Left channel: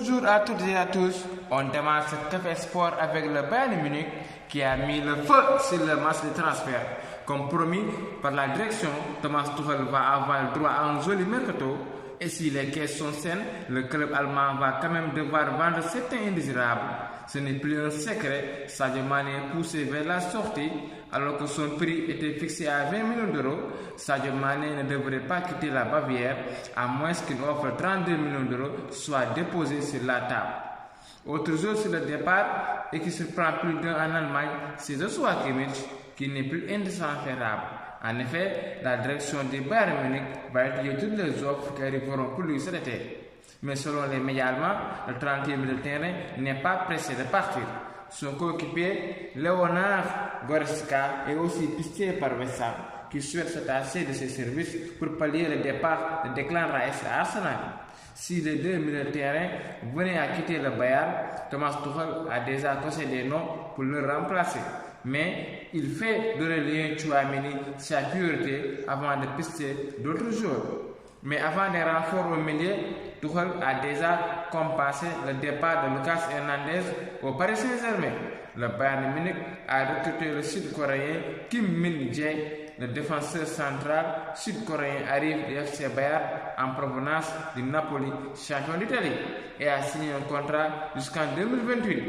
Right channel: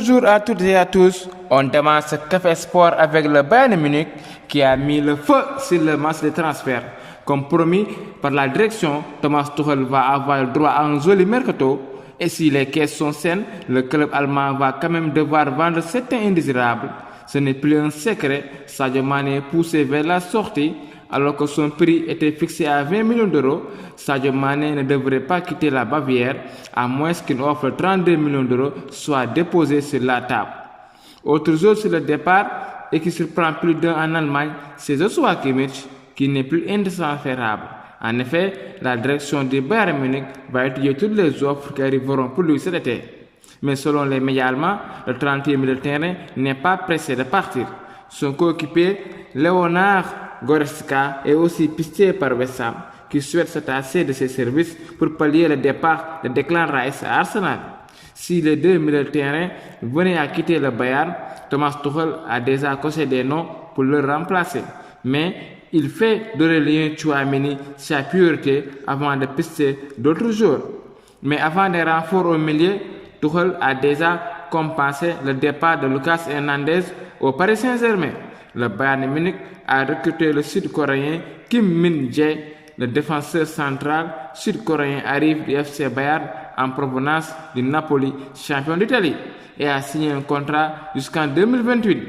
Bonjour à toutes et à tous. On demande ce café sport avec le Bayern Munich qui a mis le feu sur le match de transfert. Comme promis par la direction, Thomas Tuchel va avoir le droit à un joli mercato. Et si les caisses sont saines, le club allemand va quand même devoir vendre certains indésirables. Ce n'est plus un secret, Sadio Mané est poussé vers la sortie. Alors que son prix était fixé à 20 millions d'euros, Sadio Mané ne devrait pas quitter la Bavière à moins qu'une offre de 32 millions d'euros soit déposée sur la table. Autre jour sur le départ et qui surprend plus d'un en Allemagne, c'est Joshua Kimmich qui n'est plus indispensable. En effet, la direction du Bayern Munich va étudier toutes les offres qui arriveront pour lui cet été. Mais selon les médias allemands, le 30e milieu de terrain n'est pas pressé de partir. Son coéquipier, Leonard Goretzka, est aussi pisté par West Ham, qui souhaite s'attacher de ses services pour pallier le départ de Declan Rice à Arsenal. Si les deux milieux de terrain venaient à quitter le Bayern, Thomas Tuchel a déjà coché des noms pour le remplacer. Mais il fait d'Aurélien Tchouaméni sa priorité avant de pister d'autres joueurs. Mais avant des renforts au milieu, Tuchel a déjà compensé le départ de Lucas Hernandez au Paris Saint-Germain. Le Bayern Munich a recruté le Sud-Coréen Kim Min-jae. Le défenseur central sud-coréen arrive du FC Bayern en provenance du Napoli, champion d'Italie, et a signé un contrat jusqu'en 2028.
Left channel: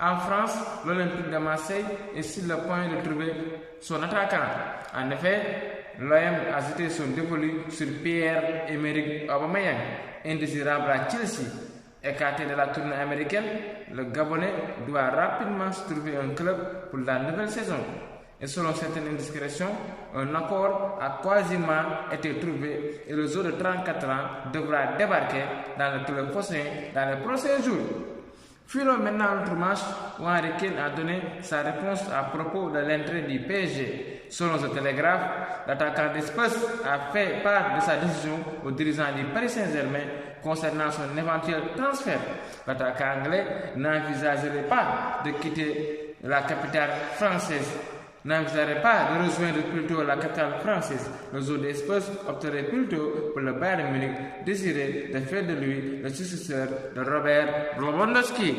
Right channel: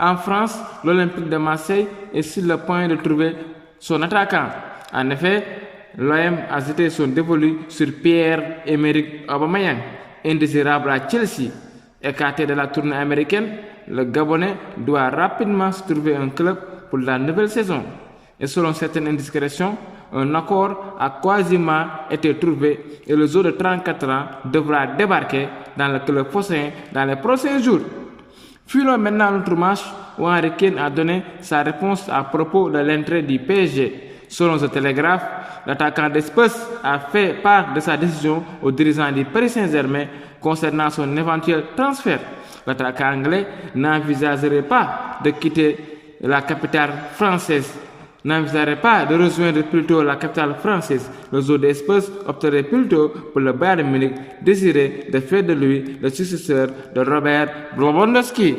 En France, l'Olympique de Marseille est sur le point de trouver son attaquant. En effet, l'OM a jeté son dévolu sur Pierre-Emerick Aubameyang, indésirable à Chelsea. Écarté de la tournée américaine, le Gabonais doit rapidement se trouver un club pour la nouvelle saison. Et selon certaines indiscrétions, un accord a quasiment été trouvé et le joueur de 34 ans devra débarquer dans le club phocéen dans les prochains jours. Filons maintenant notre match où Henry Kane a donné sa réponse à propos de l'entrée du PSG. Selon The Telegraph, l'attaquant des Spurs a fait part de sa décision aux dirigeants du Paris Saint-Germain concernant son éventuel transfert. L'attaquant anglais n'envisagerait pas de quitter la capitale française. N'envisagerait pas de rejoindre plutôt la capitale française. Le joueur des Spurs opterait plutôt pour le Bayern Munich, désiré de faire de lui le successeur de Robert Lewandowski.